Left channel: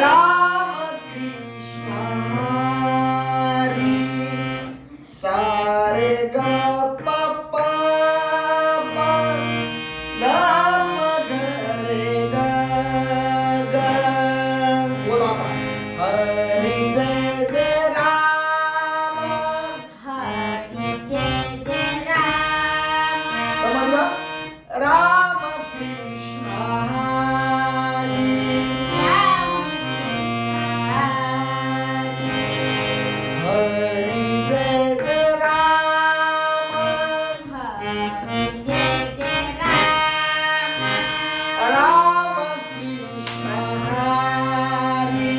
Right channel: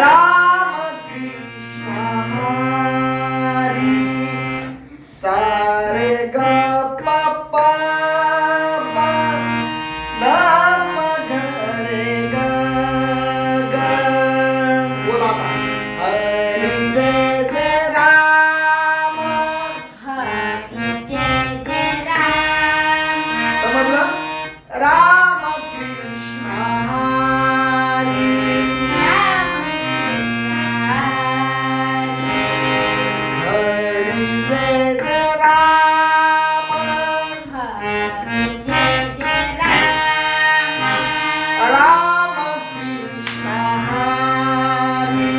राम कृष्ण हरी सारे ग प प म नम ग रे ग ग बोला आता हरी जय जय राम हरी जय जय राम समजलं राम कृष्ण हरी हरी जय जय राम राम कृष्ण हरी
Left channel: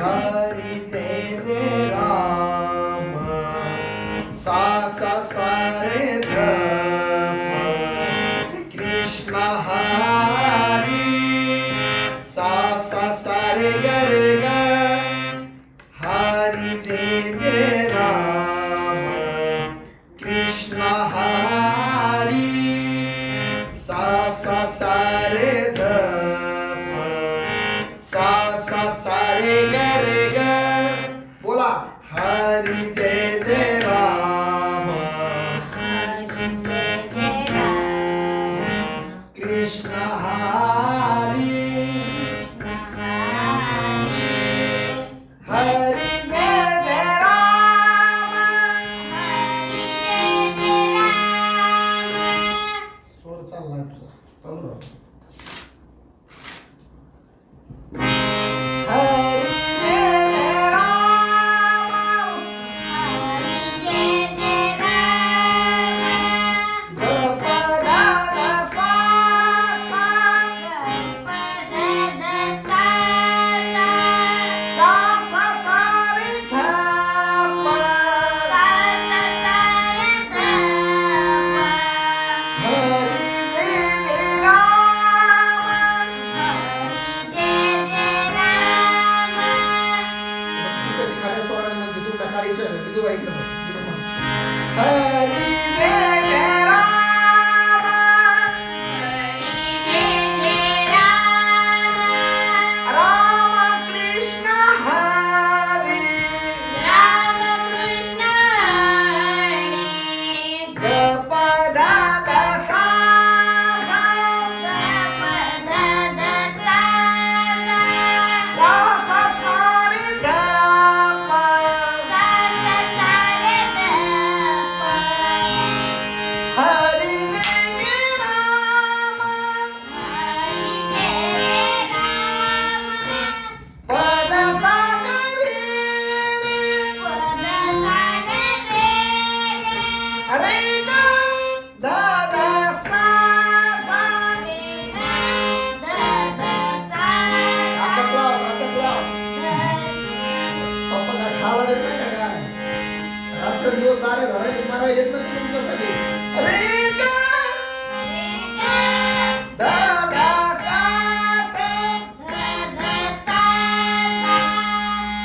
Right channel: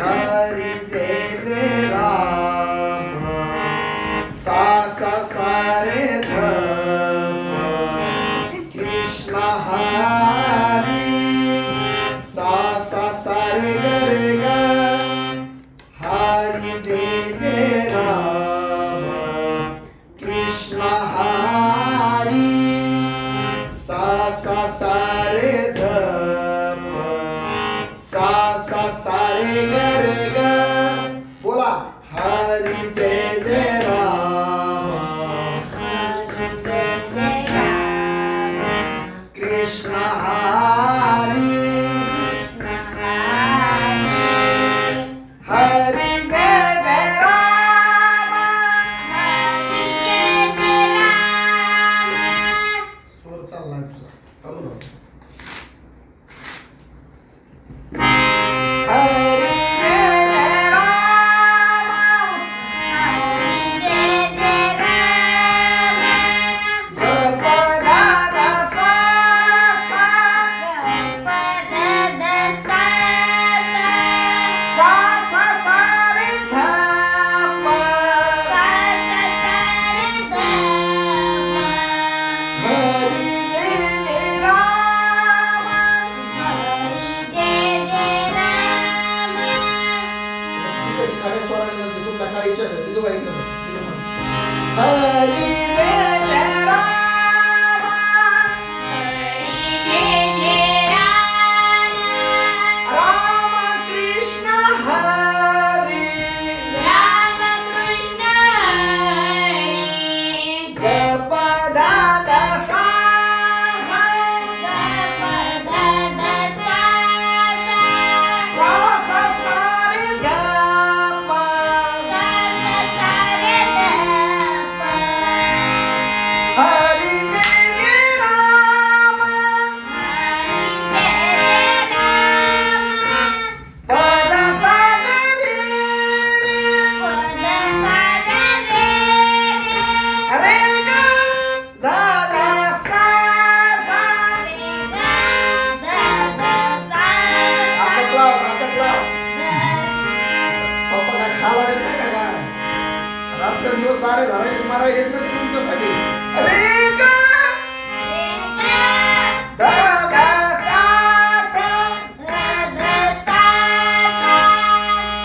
हरी जय जय राम सा सा सा रे ध कृष्ण हरी सा सा सा रे ग रे ग हरी जय जय राम कृष्ण हरी सा सा सा रे ध सा सा सा रे ग रे ग बोला हरी जय जय राम कृष्ण हरी हरी जय जय राम स्वर चाललाय तुझा चालू राहू. हरी जय जय राम ग प द ग सा सा सा सा सा रे ध प हरी जय जय राम ती कशी खड्या स्वराने म्हणते तुला काढायचं आहे ती तुला ऐकलं पाहिजे हरी जय जय राम राम कृष्ण हरी ग प द द सा सा सा सा सा रे ग प हरी जय जय राम प द सा ग रे रे रे ग द द सा सा ताकद लाव पप्पा काय खावा देत नाही का काय रात्र दिवस दारे धरायचे मारा येत नाही तुमच्यासाठी रे ग द द सा सा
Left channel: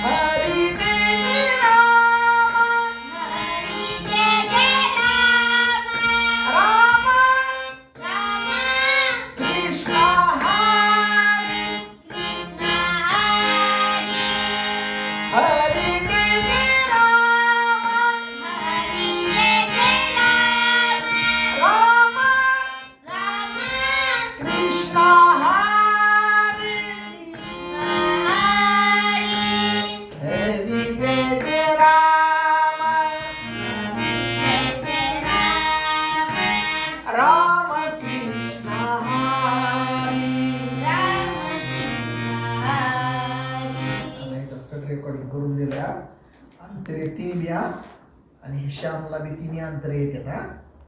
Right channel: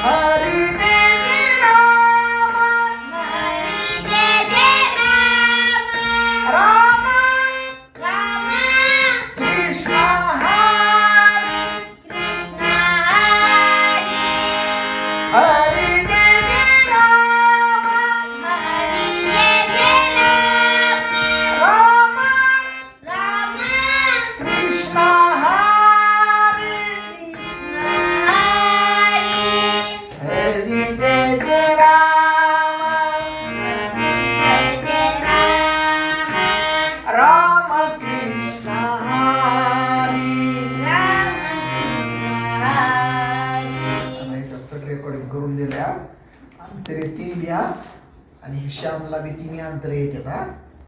हरी जय जय राम राम कृष्ण हरी हरी जय जय राम राम कृष्ण हरी हरी जय जय राम राम कृष्ण हरी चट रेकॉर्डिंग करून दिल्या अंतरे 3 लिहा आणि श्यामला बी 3 अंतरे येतात हा